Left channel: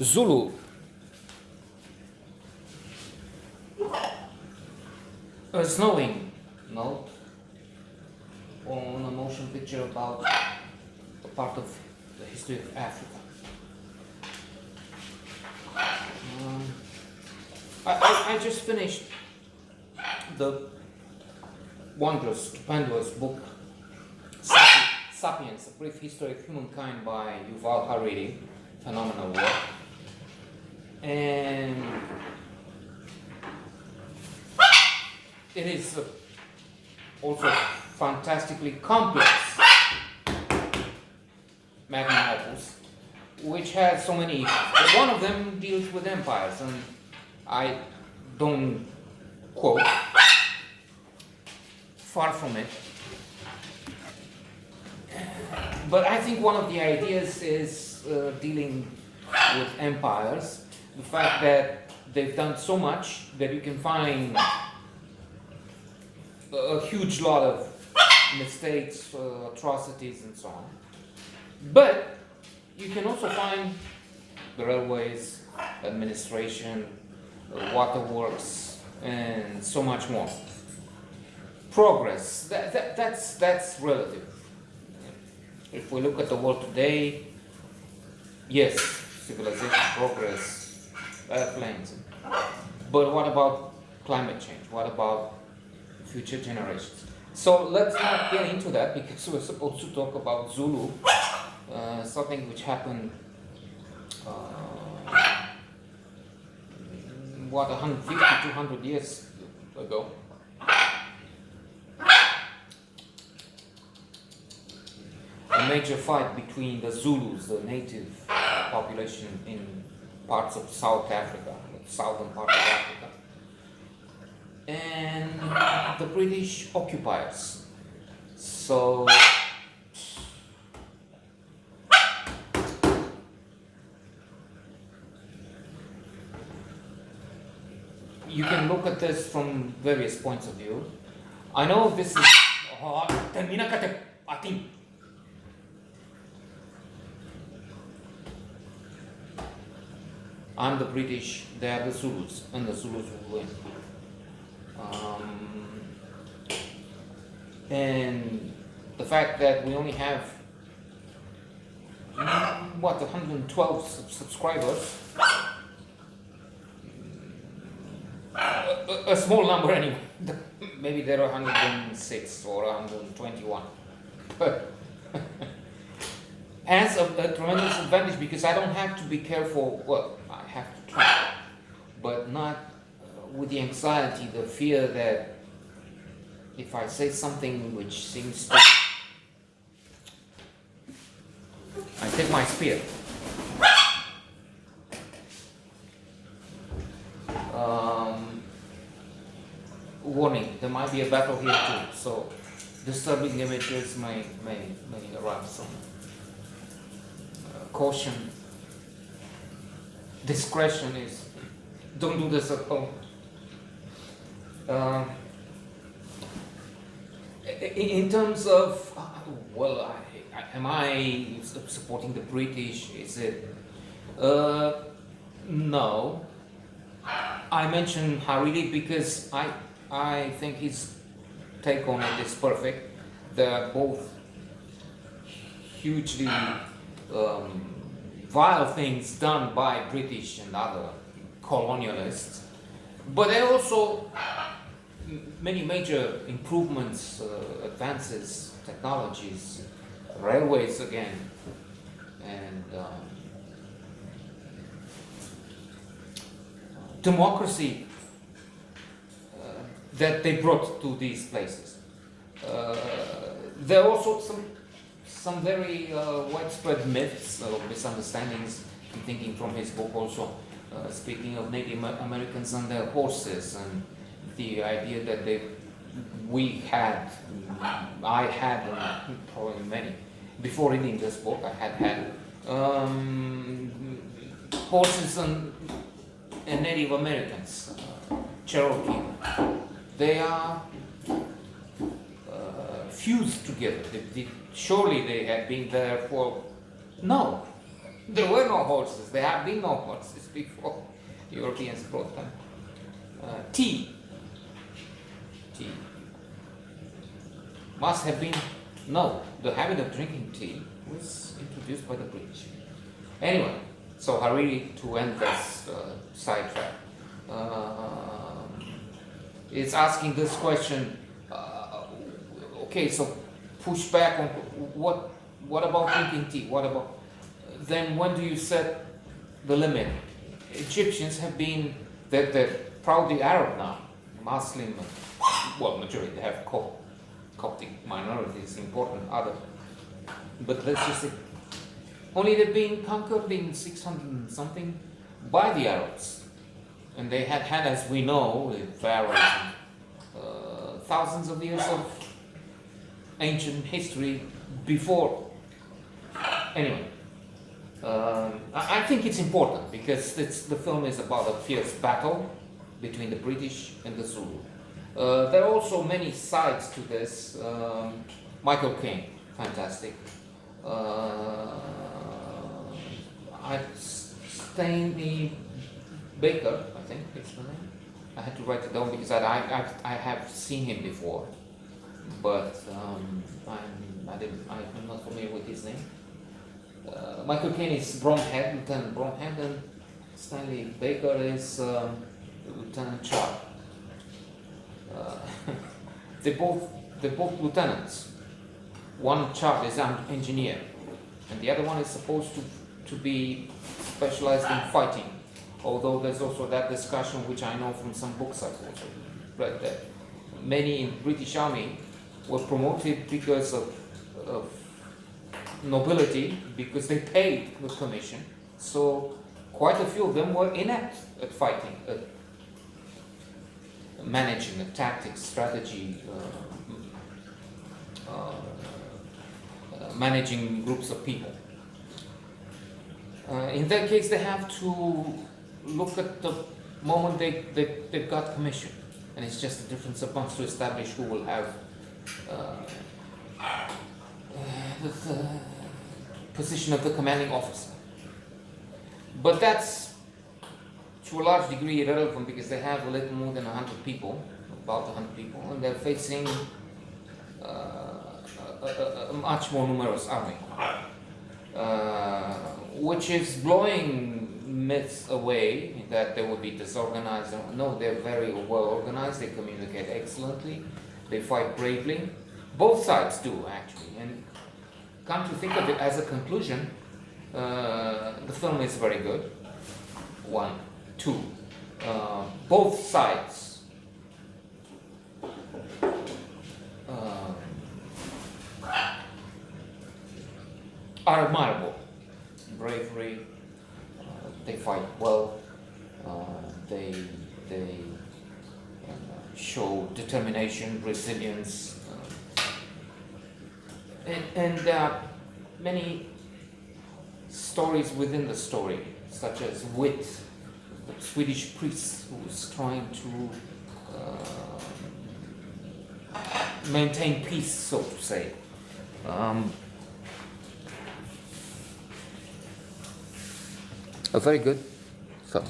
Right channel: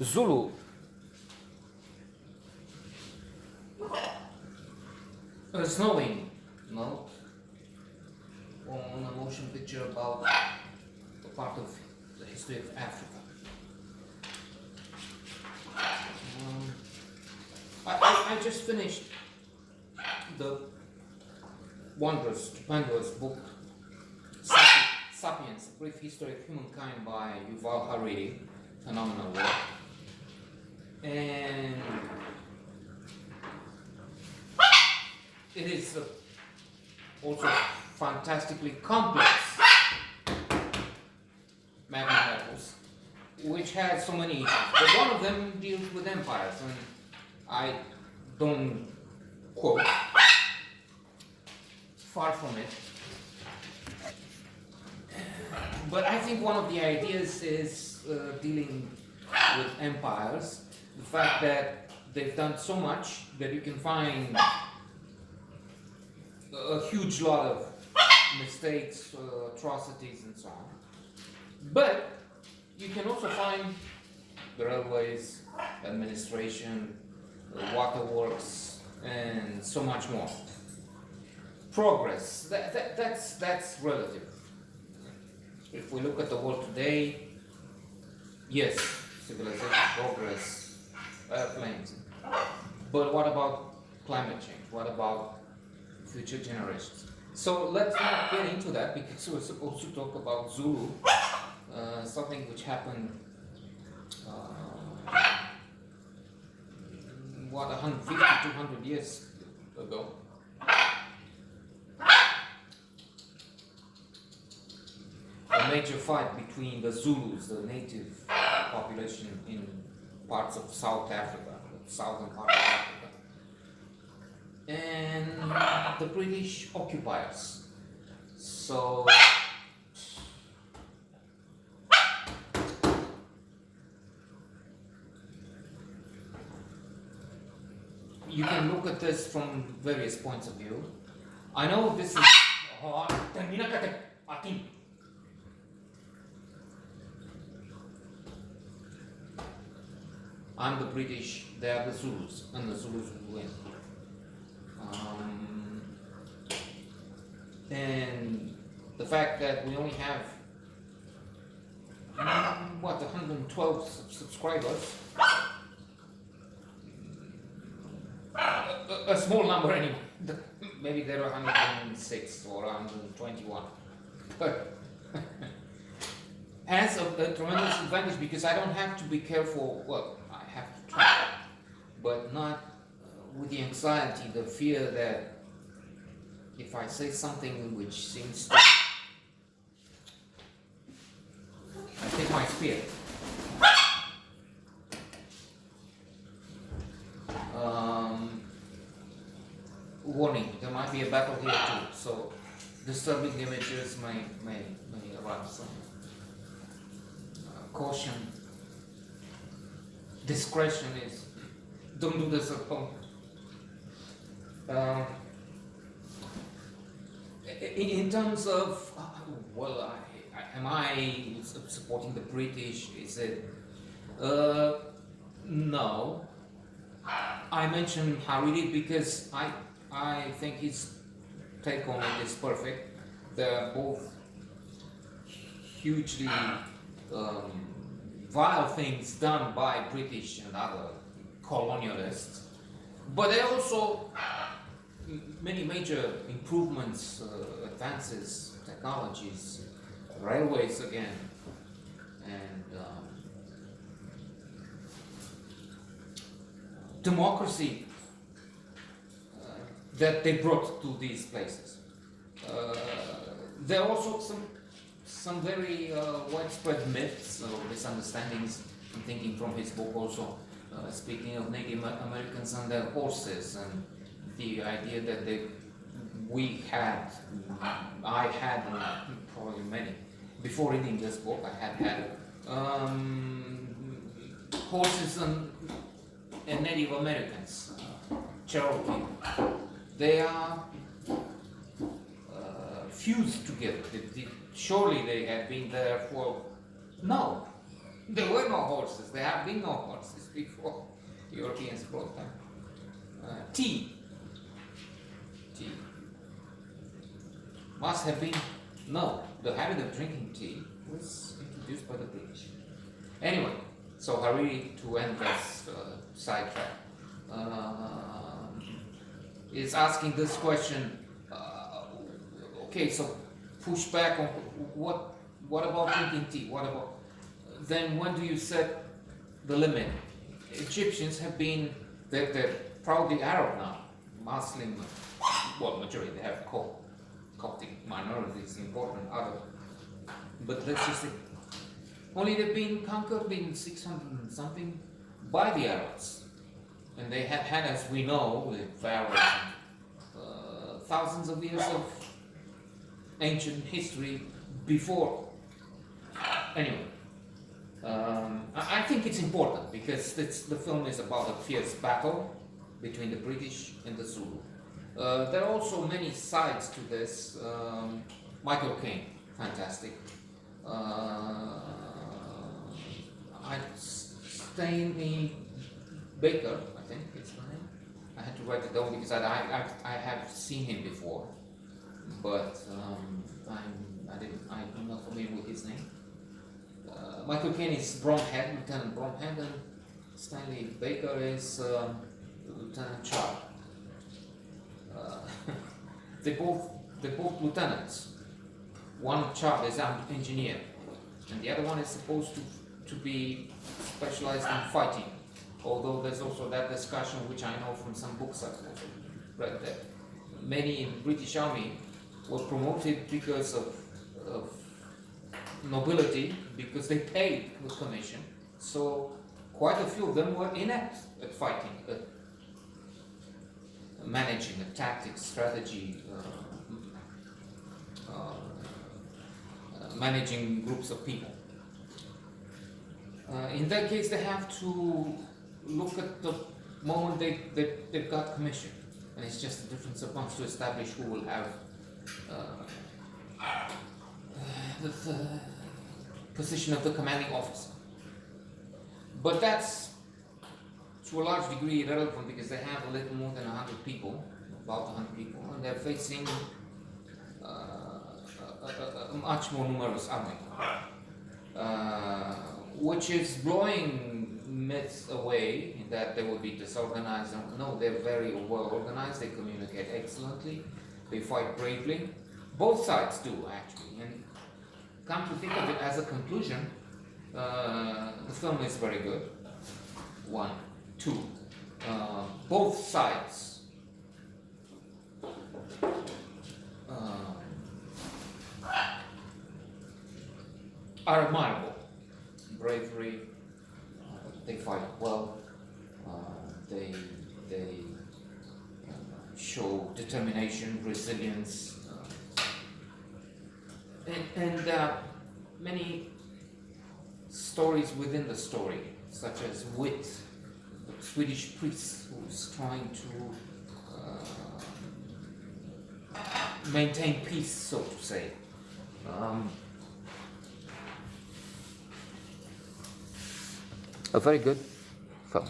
Zulu, a snowing note on a motion picture about a part of the history of Africa. I just finished the wondrous, stupendous book Sapiens, A Brief History of Humankind by Yuval Harari, phenomenal work. And it is also fantastically complex magnum opus, which has so many issues. But one of them deals with empires, and I don't quote, far from it. But I think one of the ideas is dealing with empires, the fact that they've done so much that you can find a huge lot of mistakes, atrocities, and so on. But you can also find the railways, administration, waterworks, and so much more. Progress, that's relative. If we look at the world today, yes, civilization, progress, airplanes. But what about climate change? What about future generations? So let's not get into that, because we're supposed to talk about Zulu, something which happened, 150, 200 years ago. A major fight between the Zulus, the native population in parts of South Africa, the southern part of Africa, and the British occupiers. So you can look at this from various points of view. I know this is I'm the British, they are the Zulus, and the Zulus will win. And the fact that we only have 112 subscribers, a small number anyway. Maybe there are 106 or 121, but has a tremendous advantage, because I don't have to be careful. Well, I have to try, but not with the anxiety, the fear that if I say something which seems to, I take my spear. Warning, there might be a battle here too, so disturbing images may arouse some caution. Discretion is, don't do this at home. In terms of, am I supporting the British? Is it? No. I mention Hariri because I think his take on it is perfect. They're both hugely vile things done by British and other colonialists, but there are also many major improvements, advances, technologies, railways again, and democracy that they brought to these places. There are also some very widespread myths or misunderstandings. I'm thinking from his book also, speaking of Native Americans and their horses, and the idea that I had, and probably many, before reading this book, I had horses and Native Americans, Cherokee. They are fused together. Surely they have been there for, no. There were no horses. There have been no horses before Europeans brought them. Tea. Tea. Must have been, no, the habit of drinking tea was introduced by the British. Anyway, so Hariri, to end this sidetrack, is asking this question, okay, so push back on what about drinking tea? What about, then when do you set the limit? Egyptians have been, they're proudly Arab now, Muslim, well, majority, they have Coptic minorities, important other, but let's just say, only they've been conquered in 600 and something by the Arabs. And they had had, as we know, with pharaohs, thousands of years of ancient history before. Anyway, I think it's important because the film is about a fierce battle between the British and the Zulu. There are also many sides to this. Michael Caine, fantastic. Stanley Baker, I think it's the name. I had to write it down because I have seen him before, but I'm not familiar with his name. Michael Caine is Bromhead, Lieutenant Bromhead, and Stanley Baker is Lieutenant Chubb. They're both lieutenants. One Chubb is an engineer, and the other one is supposed to be specialized in fighting. Although there's also that discussion, which I know from some books I've also read, that many in the British Army were promoted because of nobility, because they paid with commission. So quite a few of them were inept at fighting, at managing the tactics, strategy, managing groups of people. In that case, they have to look at the moment they got commission, and it's just a difference of funds to establish who will have the position of the commanding officer. But that's to a large degree irrelevant because they have a little more than 100 people, about 100 people, and they're facing a much more numerous army, which is blowing myths away that they will be disorganized. No, they're very well organized, they communicate excellently, they fight bravely. Both sides do, actually. And come to think of it, as a conclusion, the film is very good. One. Two. Both sides are admirable. Bravery, they fight well, they show determination, resilience, and many stories within the story, such as Wit, the Swedish priest who is trying to maintain peace, so to say. A very good film.